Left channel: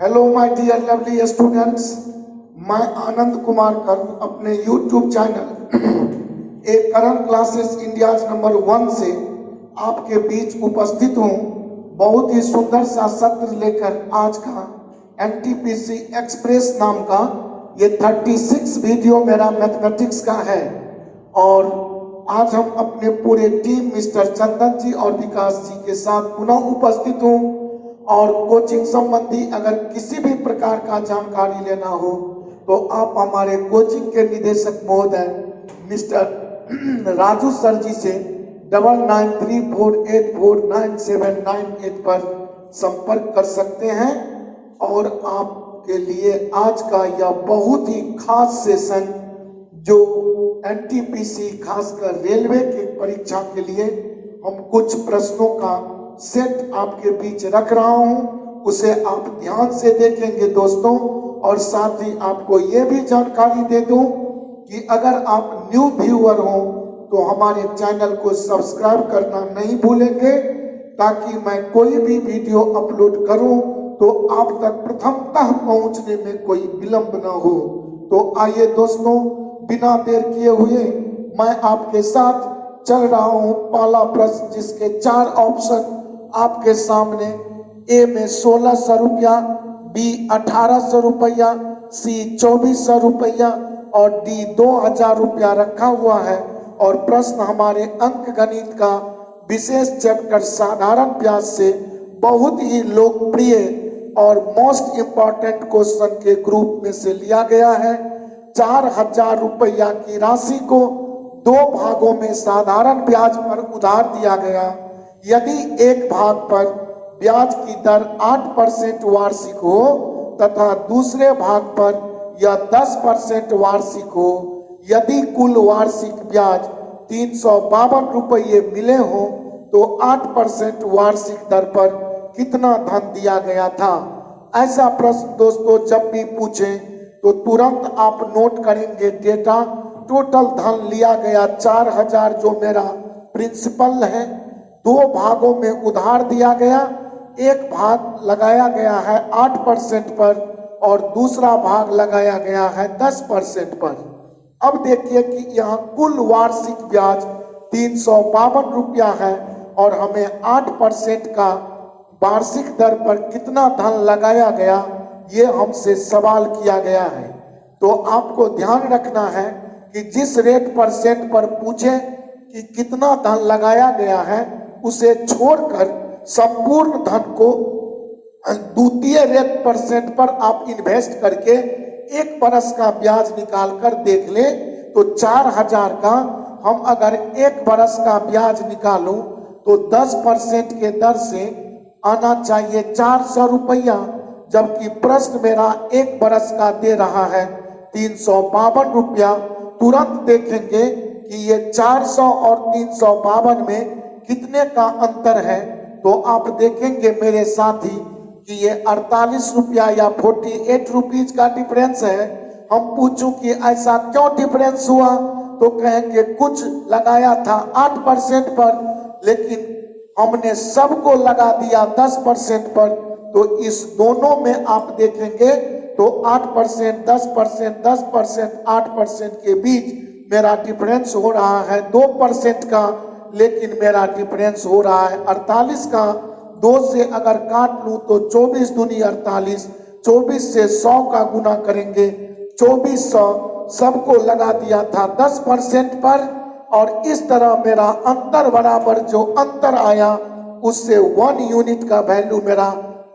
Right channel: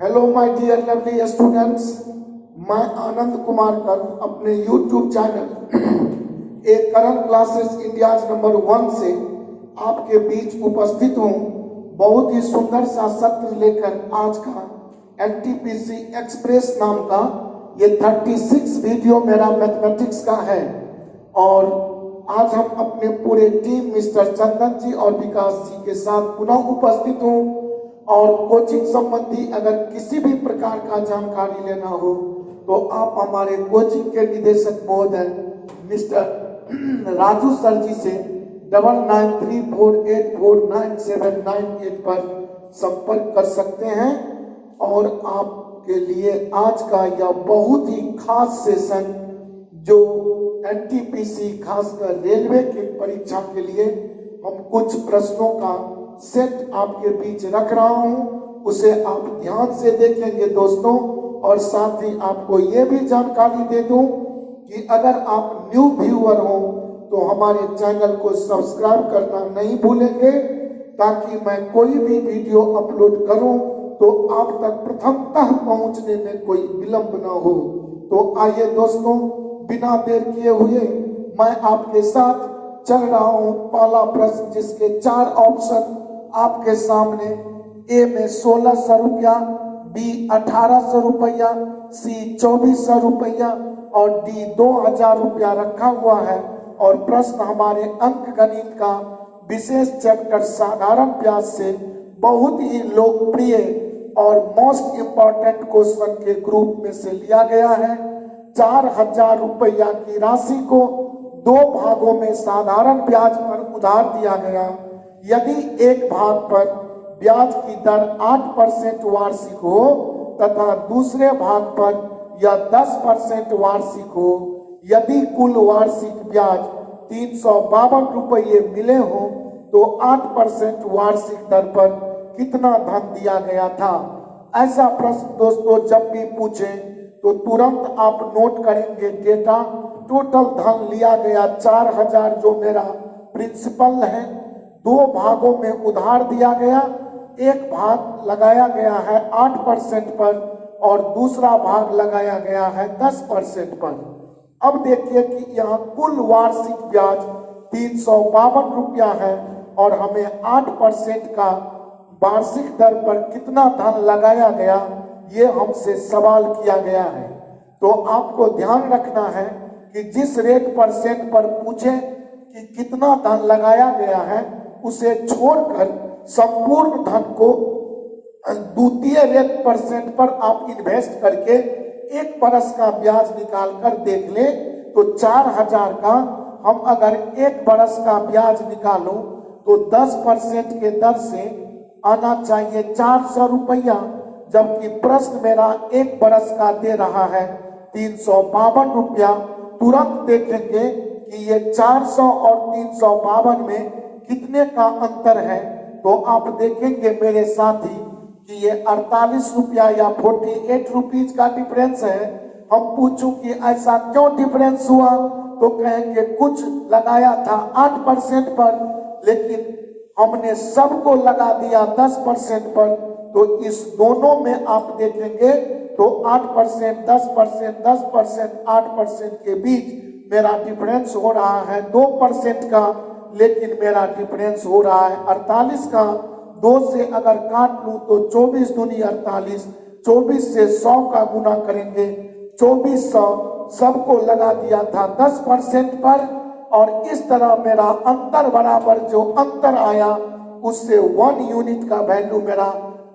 Hello my dear lovely students, मैं आनंद कुमार कर अपने YouTube channel A current classes India number 1 से आपके बीच उपस्थित हूँ। बहुत ही सुंदर सा सत्र लेकर आज का एनटीपीसी एक्सप्रेस नाम का ये 36 वीडियो मेरा मैथमेटिक्स का है और आज हम अपने पूरे टीम मिस्टर चंदन जी और विकास जी के साथ पुनः उपस्थित हूँ और कोचिंग संबंधी अगर किसी भी प्रकार का जानकारी लेना हो तो आप हमारे कोचिंग के निदेशक महोदय मिस्टर राजू सर जी से 9934849798 पर संपर्क कर सकते हैं और आपके लिए आज का यह बहुत ही खास सेशन जो एनटीपीसी खासकर रेलवे की परीक्षा के लिए हम कुछ प्रश्नों का सेट आपके बीच रख रहा हूं, उसे आप ध्यान से देखेंगे दोस्तों। और साथ ही आपको ये भी जानकारी दे दूं कि अगर आप न्यू व्यूअर हो तो हमारे चैनल को सब्सक्राइब करना नहीं भूलेंगे ताकि मैं कोई भी वीडियो अपलोड करूं तो आप तक प्रथमतः पहुंचने में कोई विलंब ना हो। तो आइए दोस्तों, बिना देर किए हुए मैं आपके साथ चल रहा हूं। पहला प्रश्न जिसके 4 ऑप्शन आपके सामने, ए में 1600 रुपया, बी 1800 रुपया, सी 2400 रुपया और डी 2000 रुपया रखा हुआ है। और प्रश्न हमारे अंक गणित का विशेष चैप्टर साधारण ब्याज से बहुत ही लोकप्रिय और मोस्ट इंपॉर्टेंट क्वेश्चन के ग्रुप में से लिया गया है। 4000 रुपया की राशि को 2 भागों में साधारण ब्याज पर उधार दिया गया। यदि एक भाग पर ब्याज की दर 8% वार्षिक हो तथा दूसरे भाग पर यह 10% वार्षिक हो, यदि कुल वार्षिक ब्याज 352 रुपये मिले हो तो 8% वार्षिक दर पर कितना धन दिया गया था। ऐसा प्रश्न दोस्तों जब भी पूछे तो तुरंत आप नोट करेंगे डेटा। टोटल धन लिया गया 4000 जो मेरा प्रिंसिपल है, 2 भागों में उधार दिया गया। एक भाग लगाया गया है 8% पर और दूसरा भाग लगाया गया है 10% पर। अब देखिए कि यहाँ कुल वार्षिक ब्याज 352 रुपया है और हमें 8% का वार्षिक दर पर कितना धन लगाया गया ये हमसे सवाल किया गया है। तो आपको ध्यान रखना है कि जिस रेट परसेंट पर पूछे कि कितना धन लगाया गया है उसे छोड़कर संपूर्ण धन को द्वितीय रेट परसेंट पर आप इन्वेस्ट करके 1 बरस का ब्याज निकाल कर देख ले तो 4000 का हम अगर 1 बरस का ब्याज निकालो तो 10% के दर से आना चाहिए 400 रुपया, जबकि प्रश्न मेरा 1 बरस का दे रहा है 352 रुपया। तुरंत देखेंगे कि ये 400 और 352 में कितने का अंतर है। तो आप देखेंगे मेरे साथी कि ये 48 रुपया या 48 रुपीज का डिफरेंस है। हम पूछूं कि ऐसा क्यों डिफरेंस हुआ तो कहेंगे कुछ लगाया था 8% पर लेकिन हमने सबको लगा दिया 10% पर। तो इस दोनों में आप देखेंगे तो 8%, 10%, 10%, 8% के बीच मेरा डिफरेंस हो रहा है 2% का, लेकिन मेरा डिफरेंस हो रहा है 48 का। 2 से अगर काट लूं तो 24 दूनी 48, 24 से 100 का गुना करेंगे 2400, सबको लगा दिया था 10% पर और इस तरह मेरा अंतर बराबर जो अंतर आया उससे 1 यूनिट का वैल्यू मेरा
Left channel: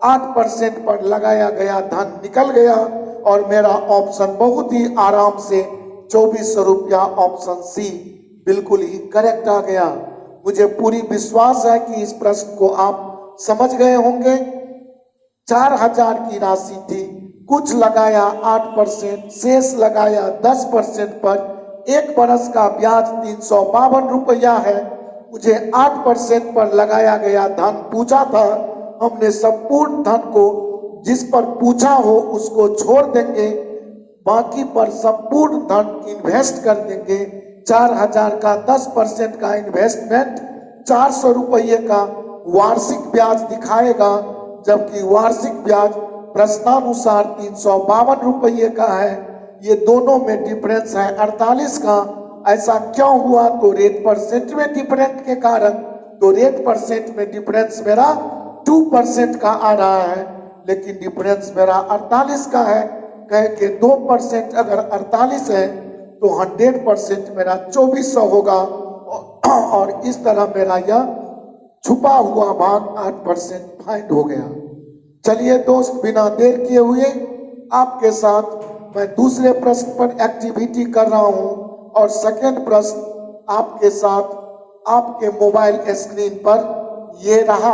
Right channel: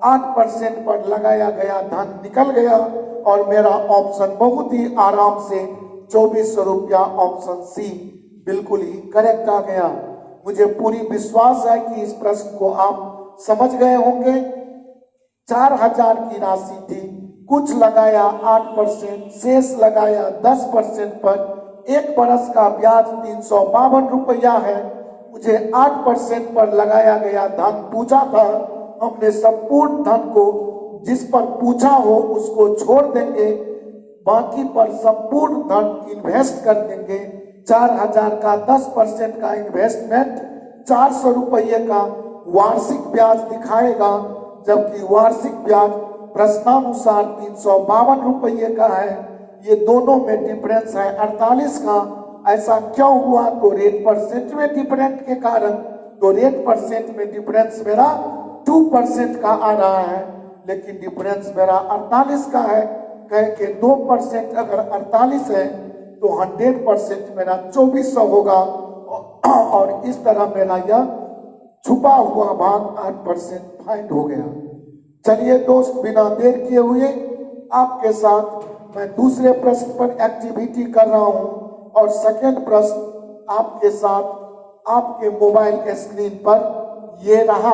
8% पर लगाया गया धन निकल गया और मेरा ऑप्शन बहुत ही आराम से 2400 रुपया ऑप्शन सी बिल्कुल ही करेक्ट आ गया। मुझे पूरी विश्वास है कि इस प्रश्न को आप समझ गए होंगे। 4000 की राशि थी, कुछ लगाया 8%, शेष लगाया 10% पर। 1 बरस का ब्याज 352 रुपया है, मुझे 8% पर लगाया गया धन पूछा था। हमने संपूर्ण धन को जिस पर पूछा हो उसको छोड़ देंगे, बाकी पर संपूर्ण धन इन्वेस्ट कर देंगे। 4000 का 10% का इन्वेस्टमेंट 400 रुपये का वार्षिक ब्याज दिखाएगा, जबकि वार्षिक ब्याज प्रश्नानुसार 352 रुपये का है। ये दोनों में डिफरेंस है 48 का। ऐसा क्यों हुआ? तो रेट परसेंट में डिफरेंस के कारण। तो रेट परसेंट में डिफरेंस मेरा 2% का आ रहा है, लेकिन डिफरेंस मेरा 48 का है। कह के 2% अगर 48 है तो 100% मेरा 2400 होगा, और इस तरह मेरा यह छुपा हुआ भाग 8% फाइंड हो गया। चलिए दोस्त, बिना देर किए हुए आपके साथ मैं दूसरे प्रश्न पर एक्टिविटी कर रहा हूं, और सेकंड प्रश्न आपके साथ आपके मोबाइल स्क्रीन पर ये रहा।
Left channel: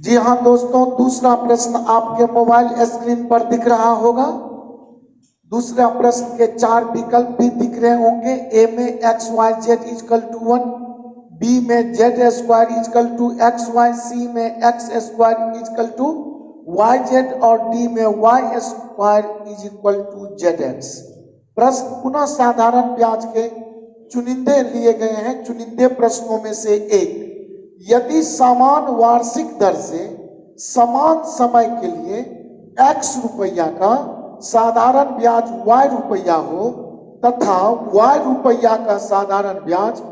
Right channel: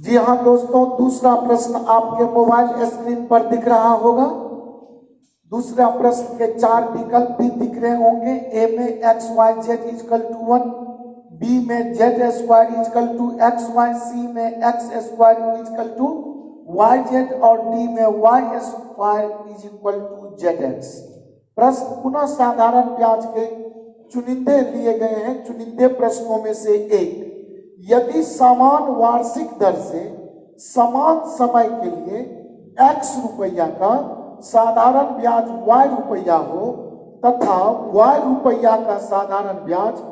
जी हाँ दोस्तों, दूसरा प्रश्न आपके मोबाइल स्क्रीन पर दिख रहा होगा। दूसरा प्रश्न के 4 विकल्प भी दिख रहे होंगे। ए में XYZ इक्वल टू 1, बी में Z square equal to XY, C में X square equal to YZ, और डी में Y square is equal to ZX। प्रश्न पुनः साधारण ब्याज के चुनिंदे लिए गए हैं, चुनिंदे प्रश्नों में से एक। यदि समान वार्षिक दर से समान समय के लिए X रुपया का साधारण ब्याज Y रुपया हो तथा Y रुपया का साधारण ब्याज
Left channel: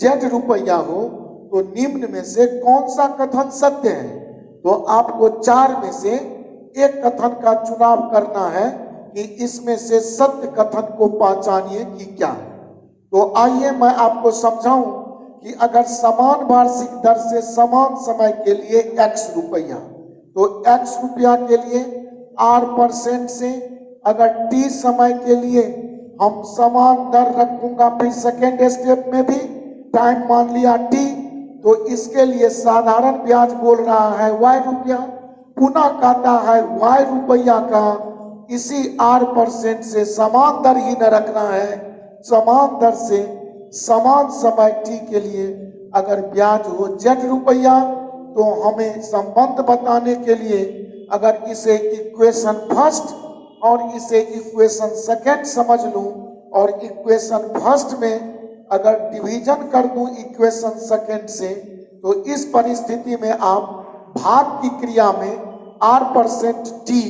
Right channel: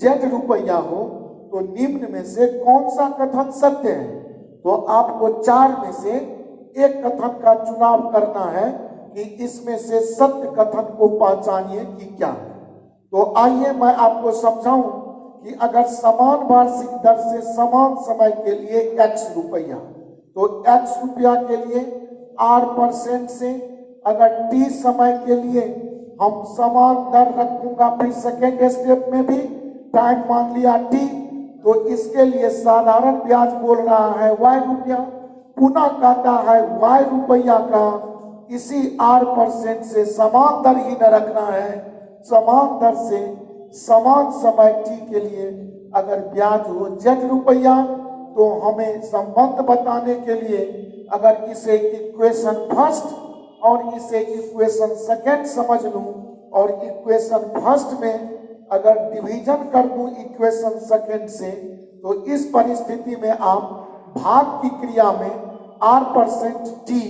Z रुपया हो, तो निम्न में से कौन सा कथन सत्य है? तो आपको 4 में से एक कथन का चुनाव करना है कि इसमें से सत्य कथन को पहचानिए कि क्या है। तो आइए मैं आपको समझाऊं कि अगर समान वार्षिक दर से समान समय के लिए X रुपया, तो X रुपया के लिए R% से, अगर T समय के लिए हम समान दर रखूंगा, फिर सेकेंड स्टेप में भी टाइम मान लिया T, तो इसके लिए साधारण ब्याज बोल रहा है Y रुपया, पुनः कहता है Y रुपया का इसी R% से समान दर ही न रखना है, समान दर से समान समय T के लिए अगर ब्याज हो Z रुपया, तो हमें संबंध बताने के लिए अगर इसे इक्वेशन फर्स्ट और इसे इक्वेशन सेकंड समझ लूं, और इक्वेशन फर्स्ट में अगर डिवीजन कर दूं इक्वेशन सेकंड से, तो इस परिस्थिति में आप भाग की क्रिया में R% T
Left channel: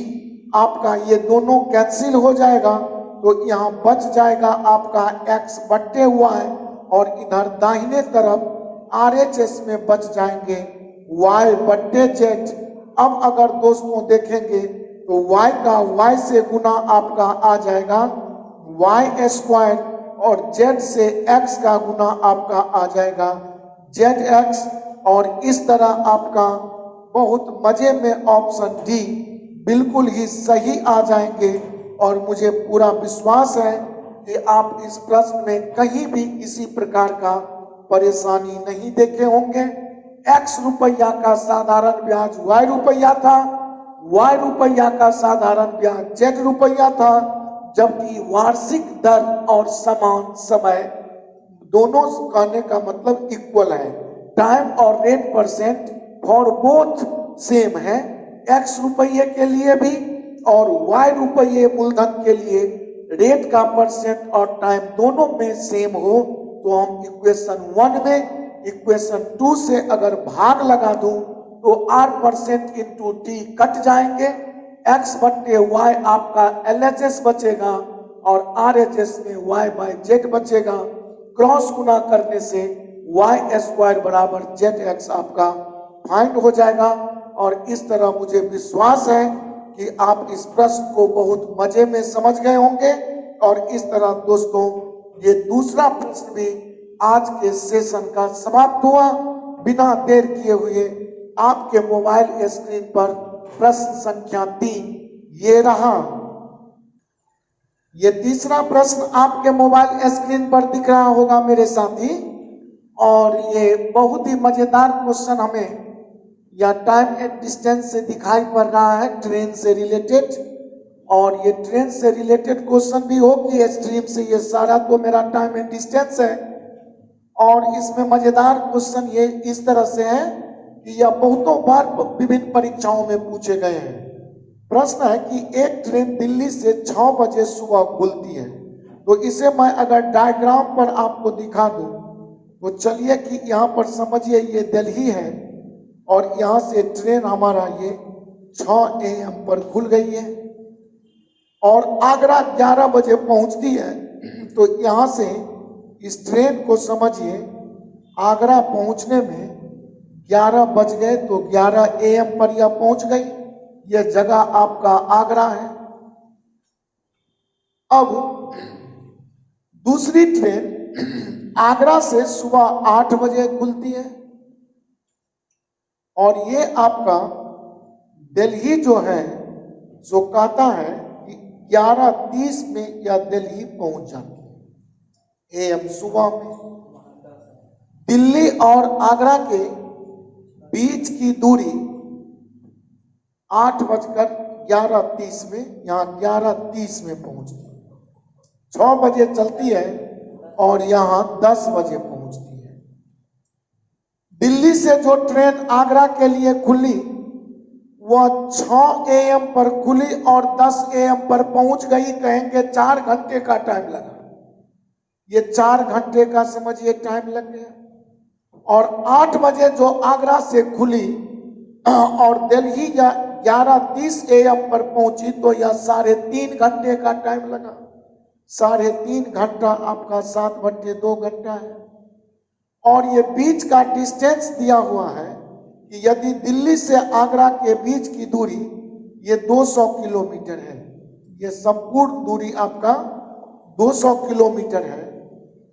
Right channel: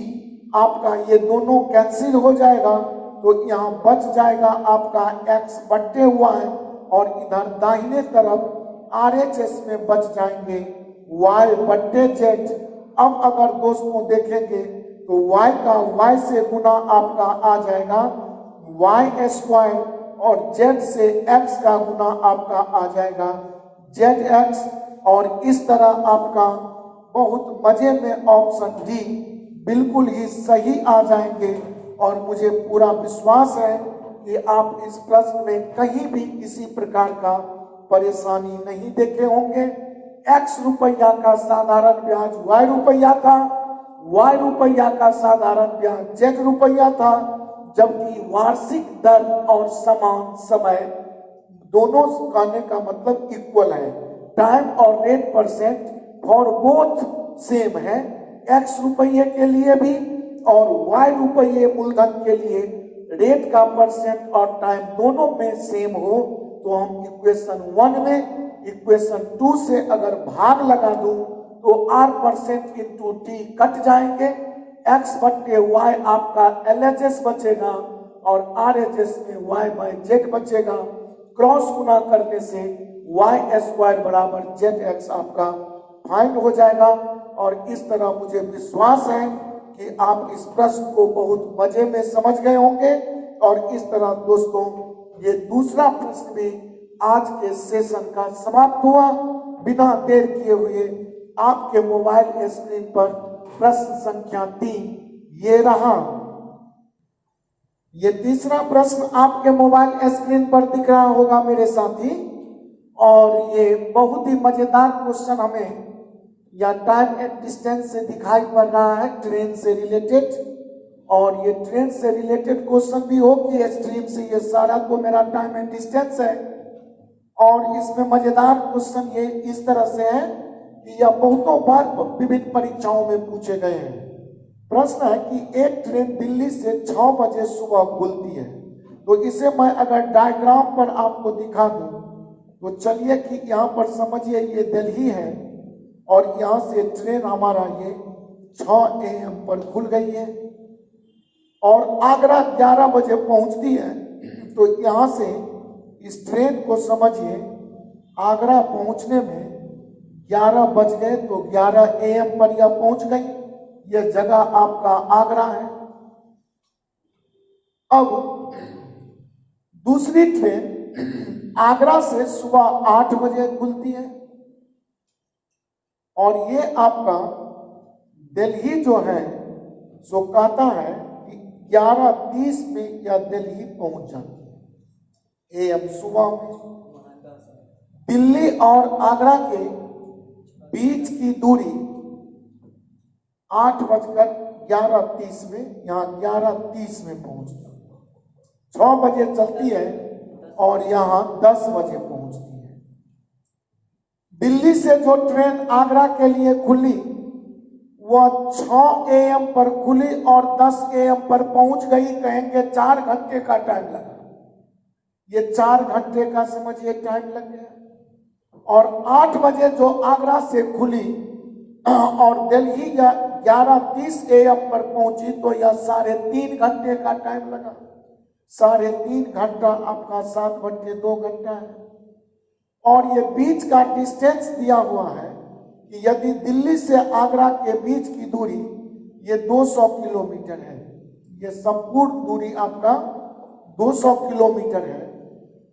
आपका ये दोनों कैंसिल हो जाएगा, तो यहाँ बच जाएगा आपका X बट्टे हुआ है, और इधर दाहिने तरफ RHS में बच जाएंगे Y बट्टे Z। अब अगर दोस्तों देखेंगे तो Y का Y से गुना आपका आ जाएगा Y स्क्वायर, और Z से X का गुना आपका आ जाएगा ZX, और इस तरह आपका बहुत मजे में ऑप्शन डी बिल्कुल ही सही आ जाएंगे। और मुझे पूरा विश्वास है कि आप इस प्रश्न में कहीं भी किसी प्रकार का परेशानी नहीं देखे होंगे। X रुपया का साधारण ब्याज Y रुपया था, Y रुपया का साधारण ब्याज Z रुपया था, जबकि वार्षिक दर और समान समय दोनों कहने का मतलब इक्वल है। टाइम और rate percent for both same है, X रुपये के लिए भी और Y रुपये मूलधन के लिए रेट का परसेंट और टाइम दोनों में सेम हो, तो हम इक्वेशन 1 में इक्वेशन 2 से अगर भाग लगा दूं तो R% इंटू T कट जाएंगे, X बट्टे Y आपका LHS बचेगा, और RHS में Y बाय Z बचेगा। क्रॉस गुना करने से Y स्क्वायर बराबर ZX आपका फाइंड हो जाएगा। और इस तरह मुझे विश्वास है कि आप इस प्रश्न को बहुत मजे में समझ गए होंगे। और इस तरह दोस्तों ये दूसरा प्रश्न भी आज के सेशन का समाप्त हुआ। बिना देर किए हुए आपके मोबाइल स्क्रीन पर प्रश्न संख्या 3 ये रहा। ये तीसरा प्रश्न आपके मोबाइल स्क्रीन पर दिख रहा होगा मेरे साथी, और ये बहुत ही मजेदार क्वेश्चन हमें या टाइम एंड डिस्टेंस से दिखाई पड़ रहा है, ट्रेन से रिलेटेड। और ये ट्रेन से रिलेटेड क्वेश्चन भी हो कि स्ट्रीम से, ये सारा तो मेरा टाइम एंड डिस्टेंस है। और इसमें मजेदार क्वेश्चन ये इस तरह से है कि यह बहुतों बार विभिन्न परीक्षाओं में पूछे गए हैं। प्रश्न है कि एक ट्रेन दिल्ली से 6 बजे सुबह खुलती है, तो इसे मैं अगर डायग्राम पर आपको दिखा दूं, तो चलिए कि यहाँ पर समझिए ये दिल्ली है, और यहाँ से ट्रेन हमारा ये 6 AM पर खुल गई है और आगरा 11 बजे पहुंचती है। तो यहाँ से इस ट्रेन को समझिए आगरा पहुंचने में 11 बज गए तो 11 AM पर यह पहुंच गई। यह जगह आपका आगरा है। अब दूसरी ट्रेन आगरा से सुबह 8 बजे खुलती है और ये आपका दिल्ली जो है जो कहता है कि 11:30 में यह दिल्ली पहुंच जाती है AM सुबह में। दिल्ली और आगरा के बीच की दूरी 8:11:30 में, यहाँ 11:30 में पहुंचती है। 6 बजे चलती है और यहाँ 10 बजे पहुंचती है। दिल्ली से जो ट्रेन आगरा के लिए खुली वह 6 AM पर खुली और 10 AM पर पहुंच गई। कहेंगे 4 घंटे का टाइम लगा। ये 4 घंटे का समझिए टाइम लग गया। और 8 बजे जो आगरा से खुली और दिल्ली 11:30 AM पर पहुंची तो यह 3.5 घंटे का टाइम लगा। 3.5 घंटा आपका 7/2 घंटा है। और ये बीच का डिस्टेंस दिया हुआ है कि यदि दिल्ली से आगरा के बीच की दूरी ये 200 किलोमीटर है। ये संपूर्ण दूरी आपका 200 किलोमीटर है।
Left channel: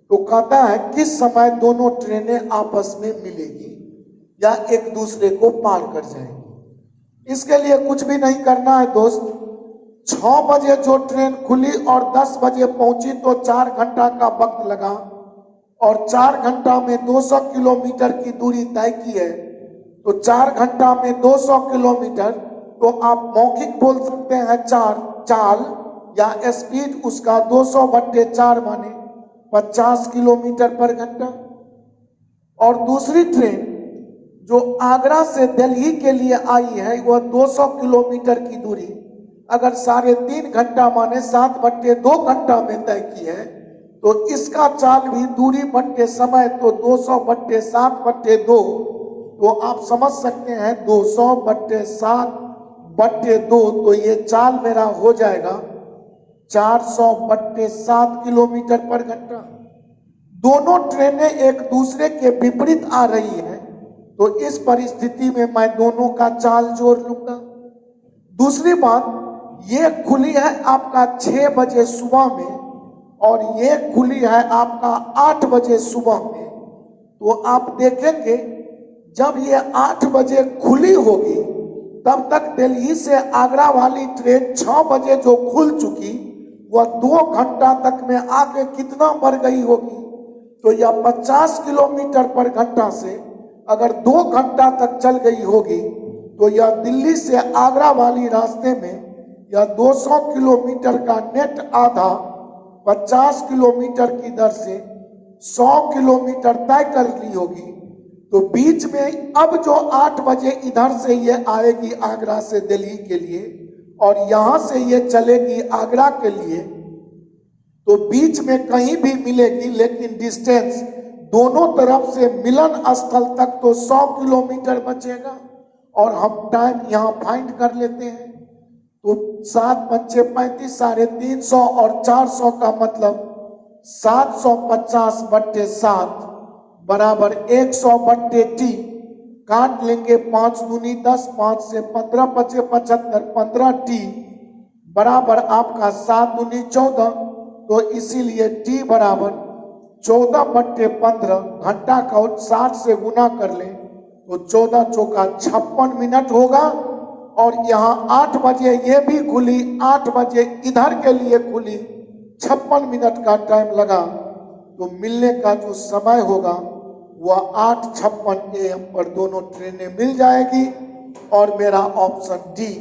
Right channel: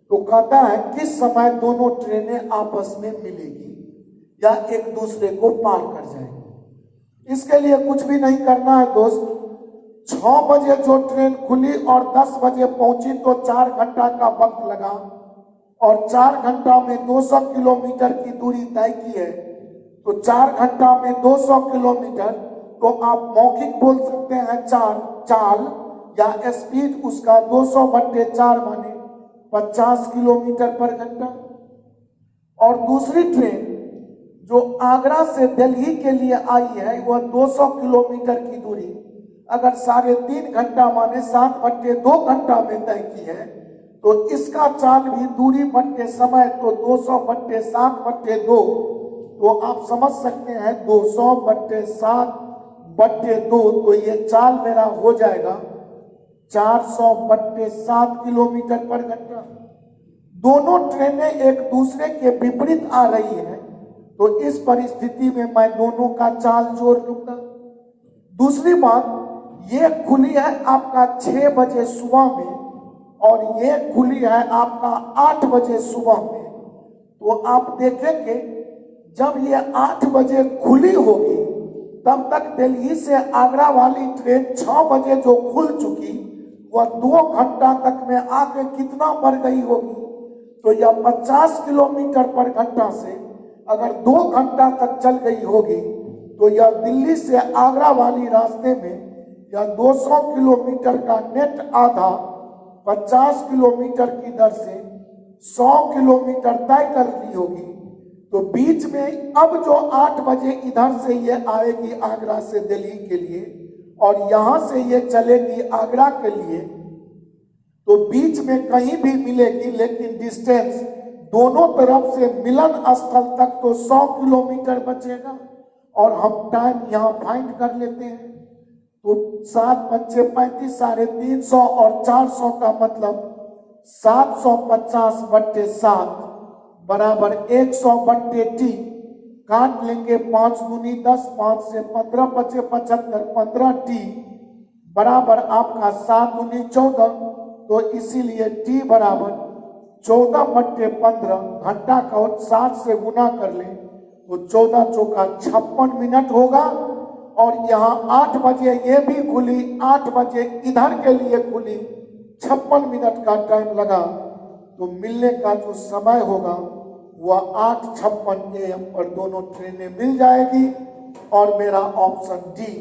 तो कहता है किस समय दोनों ट्रेनें आपस में मिलेगी या एक दूसरे को पार कर जाएंगी। इसके लिए कुछ भी नहीं करना है दोस्त। 6 बजे जो ट्रेन खुली और 10 बजे पहुंची तो 4 घंटा का वक्त लगा और 4 घंटा में 200 किलोमीटर की दूरी तय की है। तो 4 घंटा में 200 किलोमीटर तो आप मौखिक बोल सकते हैं चाल या स्पीड उसका 200/4 माने 50 किलोमीटर पर घंटा। और दूसरी ट्रेन जो आगरा से दिल्ली के लिए आई है वह 200 किलोमीटर की दूरी अगर 3.5 घंटा माने 7/2 घंटा में तय की है तो इसका चाल भी दूरी बट्टे समय तो 200/7/2। तो आप समझ सकते हैं 200/7/2 तो ये चाल मेरा हो जाएगा 400/7 किलोमीटर पर घंटा। दोनों ट्रेनें एक दूसरे के विपरीत आ रही है तो इस परिस्थिति में मैं दोनों का चाल जोड़ लूंगा। दूसरी बात, ये खुली है आपका 6 बजे सुबह में और ये खुली है आपका 8 बजे सुबह में। तो आप देखेंगे जब ये 8 बजे खुली होगी तब तक दिल्ली से आगरा वाली ट्रेन 6 बजे जो खुल चुकी वह 2 घंटा तक में आगे कितना बढ़ गई होगी। तो यह 50 किलोमीटर पर घंटा से अगर 2 घंटा तक चल गई होगी तो यह दिल्ली से आगरा वाली रास्ते में यह 200 किलोमीटर का नेट आधा 50 किलोमीटर की दर से 100 किलोमीटर तय कर ली होगी। तो बीच में अब जो 8 बजे इधर से ये आएगी आगरा से दिल्ली के लिए और यहां से ये चलेगी आगरा के लिए तो बीच में कहीं भी मिलेगी, लेकिन डिस्टेंस दोनों तरफ से मिलन स्थल तक तो 100 किलोमीटर बचेगा। और हम टाइम यहाँ फाइंड कर लेते हैं तो 7×5 = 35 और 400 का मतलब 750/7 बराबर 100/t। काट लेंगे 5 दूनी 10, 5 से 15 × 5 = 75, 15t बराबर आपका 7 दूनी 14। तो इसीलिए t बराबर 14/15 घंटा का 60 से गुना कर ले तो 14 चौका 56 मिनट होगा। और यहाँ 8 बजे ये भी खुली, 8 बजे इधर के लिए खुली, 56 मिनट का टाइम लगा। तो मिलने का जो समय होगा वह 8:56 AM पर दोनों ट्रेनें मिल जाएगी और मेरा ऑप्शन डी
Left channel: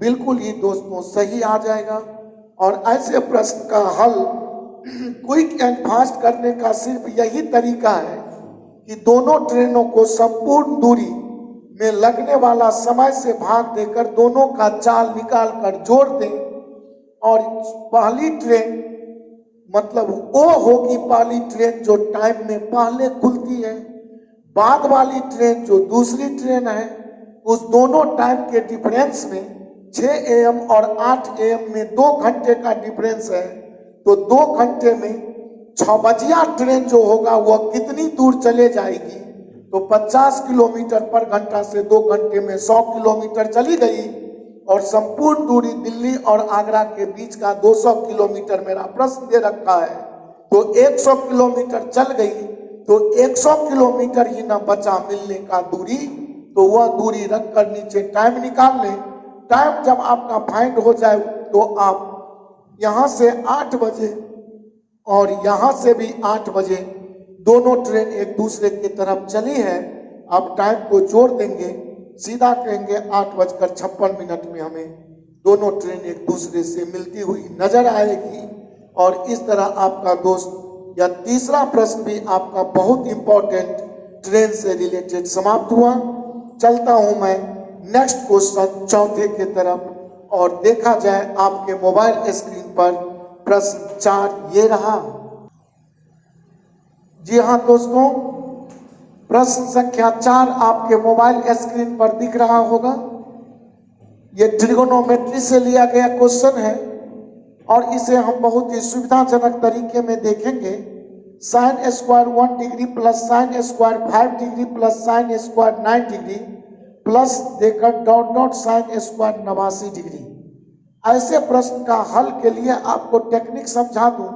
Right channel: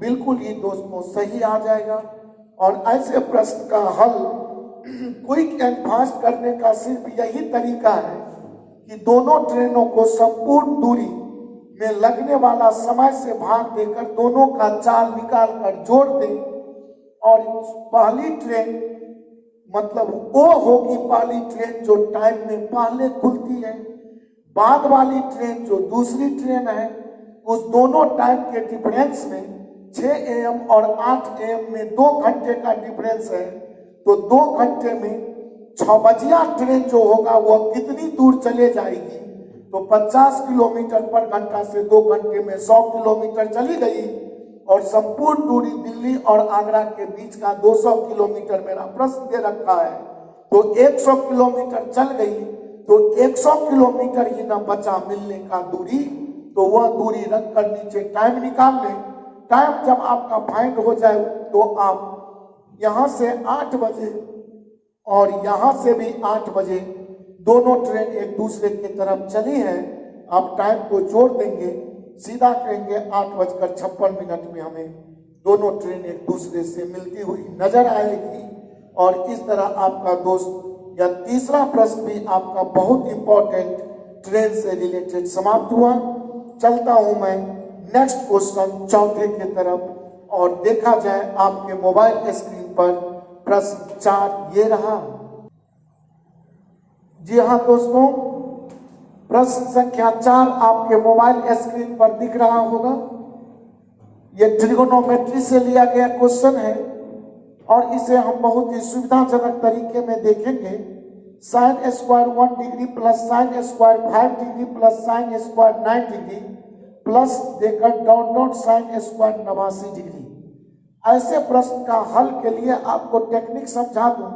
बिल्कुल ही दोस्तों सही आ जाएगा। और ऐसे प्रश्न का हल क्विक एंड फास्ट करने का सिर्फ यही तरीका है कि दोनों ट्रेनों को संपूर्ण दूरी में लगने वाला समय से भाग देकर दोनों का चाल निकाल कर जोड़ दें। और पहली ट्रेन मतलब वो होगी पहली ट्रेन जो टाइम में पहले खुलती है। बाद वाली ट्रेन जो दूसरी ट्रेन है, उस दोनों टाइम के डिफरेंस में 6 AM और 8 AM में 2 घंटे का डिफरेंस है। तो 2 घंटे में 6 बजिया ट्रेन जो होगा वह कितनी दूर चले जाएगी? तो 50 किलोमीटर पर घंटा से 2 घंटे में 100 किलोमीटर चली गई और संपूर्ण दूरी दिल्ली और आगरा के बीच का 200 किलोमीटर मेरा प्रश्न दे रखा है। तो 100 किलोमीटर चल गई तो 100 किलोमीटर ही न बचा मिलने का दूरी। तो वह दूरी रख कर नीचे टाइम निकाल लें। टाइम जब आपका फाइंड हो जाए तो आप यहाँ से 8 बजे और यहाँ से भी 8 बजे दोनों ट्रेन एक दूसरे की तरफ चली है। आप टाइम को जोड़ देंगे, सीधा कहेंगे 8:56 में हमें दोनों ट्रेन एक दूसरे से मिलती हुई नजर आएगी। और इस तरह आपका दोस्त या तीसरा प्रश्न भी आपका बहुत इंपॉर्टेंट ट्रेन से रिलेटेड समाप्त हुआ। चलता हूं मैं नेक्स्ट क्वेश्चन चौथे के तरफ और देखा जाए आपके मोबाइल स्क्रीन पर प्रश्न 4 ये रहा। जी हाँ दोस्तों, प्रश्न संख्या 4 आपके मोबाइल स्क्रीन पर दिख रहा होगा। यह ट्रिगोनोमेट्री से लिया गया क्वेश्चन है और इसे हम बहुत ही सुविधाजनक तरीके में देखेंगे। sin square 1 degree plus sin square 5 degree plus sin square 9 degree plus देकर dot dot sin square 89 degree. ऐसे प्रश्न का हल के लिए आपको टेक्निक समझा दूं।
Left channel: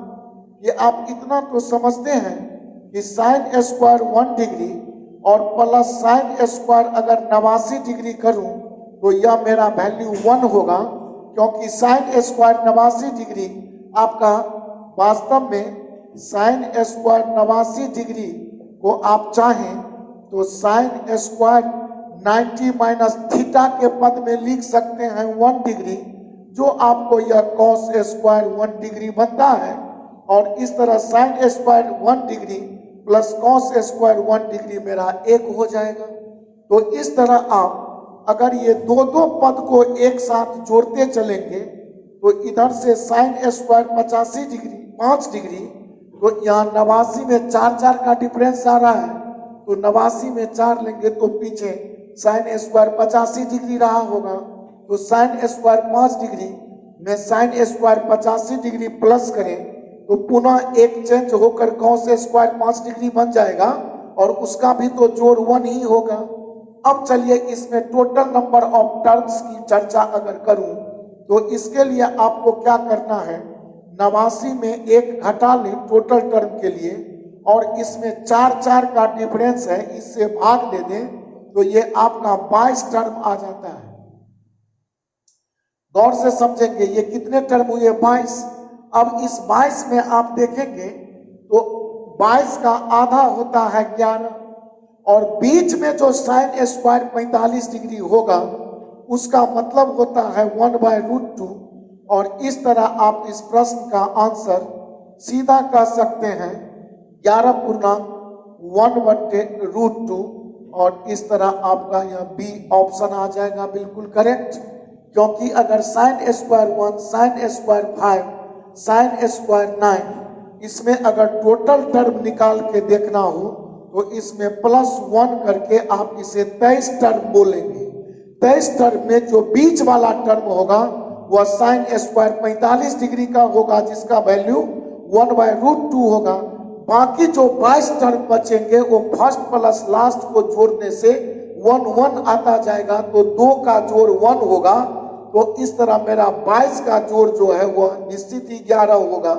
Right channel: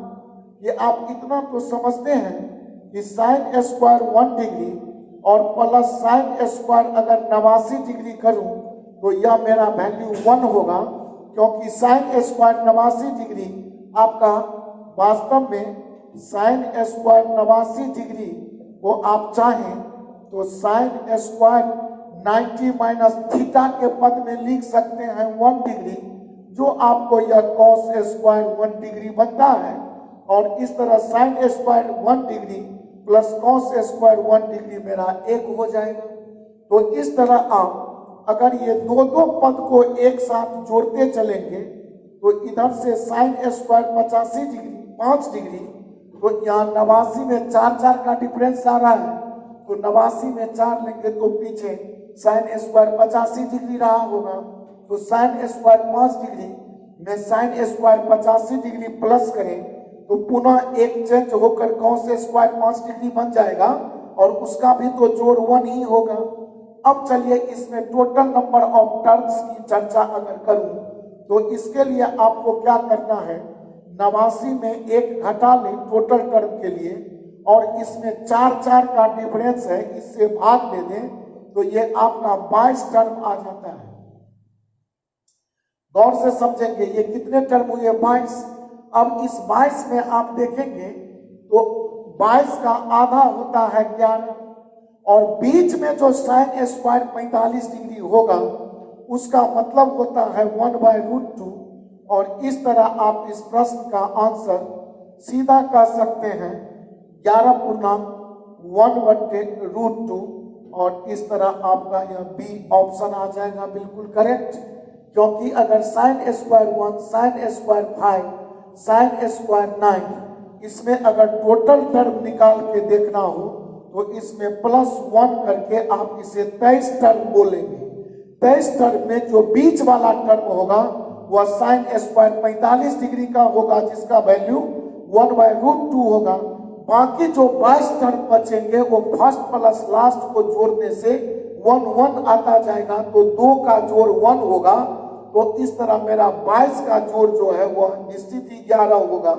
ये आप इतना तो समझते हैं कि sin स्क्वायर 1 डिग्री और प्लस sin स्क्वायर अगर 89 डिग्री करूं तो यह मेरा वैल्यू 1 होगा, क्योंकि sin स्क्वायर 89 डिग्री आपका वास्तव में sin स्क्वायर 89 डिग्री को आप चाहें तो sin स्क्वायर 90 माइनस थीटा के पद में लिख सकते हैं 1 डिग्री, जो आपको यह cos स्क्वायर 1 डिग्री बनता है। और इस तरह sin square 1 degree plus cos square 1 degree मेरा 1 हो जाएगा। तो इस तरह आप अगर ये दो पद को एक साथ जोड़ते चलेंगे तो इधर से sin स्क्वायर 85 डिग्री 5 डिग्री, तो यहाँ 89 में 4 का डिफरेंस आ रहा है। तो 89 में 4 लेंगे तो पीछे sin स्क्वायर 85 डिग्री रहा होगा। तो sin स्क्वायर 5 डिग्री में sin स्क्वायर 85 डिग्री प्लस करें तो पुनः एक चेंज होकर cos स्क्वायर 5 डिग्री बन जाएगा और उसका भी तो जोड़ 1 ही होगा। अब चलिए इसमें टोटल नंबर ऑफ टर्म्स की चर्चा अगर करूं तो इसके लिए आपको क्या करना है, 89 में 1 घटा लें टोटल टर्म के लिए और इसमें 4 का डिफरेंस है, इससे भाग दे दें तो ये आपका 22 टर्म आ जाता है। गौर से समझेंगे ये कितने टर्म हुए 22। अब इस 22 में आप देखेंगे तो 22 का आधा होता है 11 और बीच में जो sin स्क्वायर 45 डिग्री होगा उसका मतलब होता है 1/√2। और इस तरह आप इस प्रश्न का आंसर सीधा कर सकते हैं 11.1/√2 और इस तरह आपका यह बी ऑप्शन आ जाएगा बिल्कुल करेक्ट। क्योंकि अगर sin square 1 sin square 5 sin square 9 इसमें अगर टोटल टर्म निकाल के देखना हो तो इसमें +1 करके आप इसे 23 टर्म बोलेंगे। 23 टर्म में जो बीच वाला टर्म होगा वह sin स्क्वायर 45 डिग्री का होगा, जिसका वैल्यू 1/√2 होगा। बाकी जो 22 टर्म बचेंगे वो फर्स्ट प्लस लास्ट को जोड़ने से 1 आता जाएगा, तो 2 का जोड़ 1 होगा। तो इस तरह मेरा 22 का जोड़ जो है वह निश्चित ही 11 होगा।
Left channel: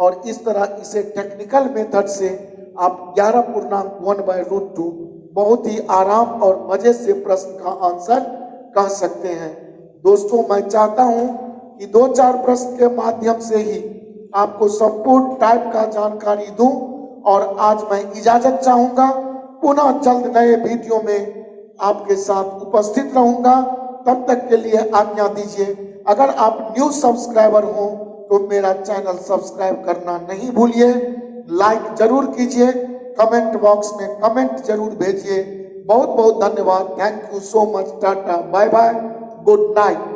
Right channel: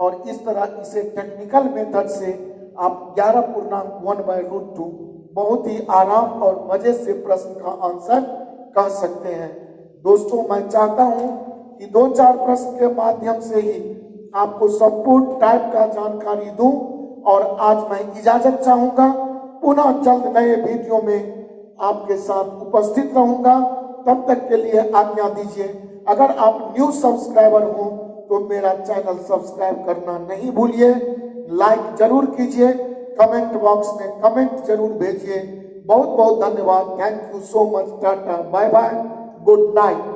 और इस तरह इसे टेक्निकल मेथड से आप 11.1/√2 बहुत ही आराम और मजे से प्रश्न का आंसर कह सकते हैं। दोस्तों, मैं चाहता हूं कि 2-4 प्रश्न के माध्यम से ही आपको संपूर्ण टाइप का जानकारी दूं और आज मैं इजाजत चाहूंगा। पुनः जल्द नए वीडियो में आपके साथ उपस्थित रहूंगा। तब तक के लिए आज्ञा दीजिए। अगर आप न्यू सब्सक्राइबर हो तो मेरा चैनल सब्सक्राइब करना नहीं भूलिए, लाइक जरूर कीजिए, कमेंट बॉक्स में कमेंट जरूर भेजिए। बहुत बहुत धन्यवाद। Thank you so much. Tata, bye bye, good night.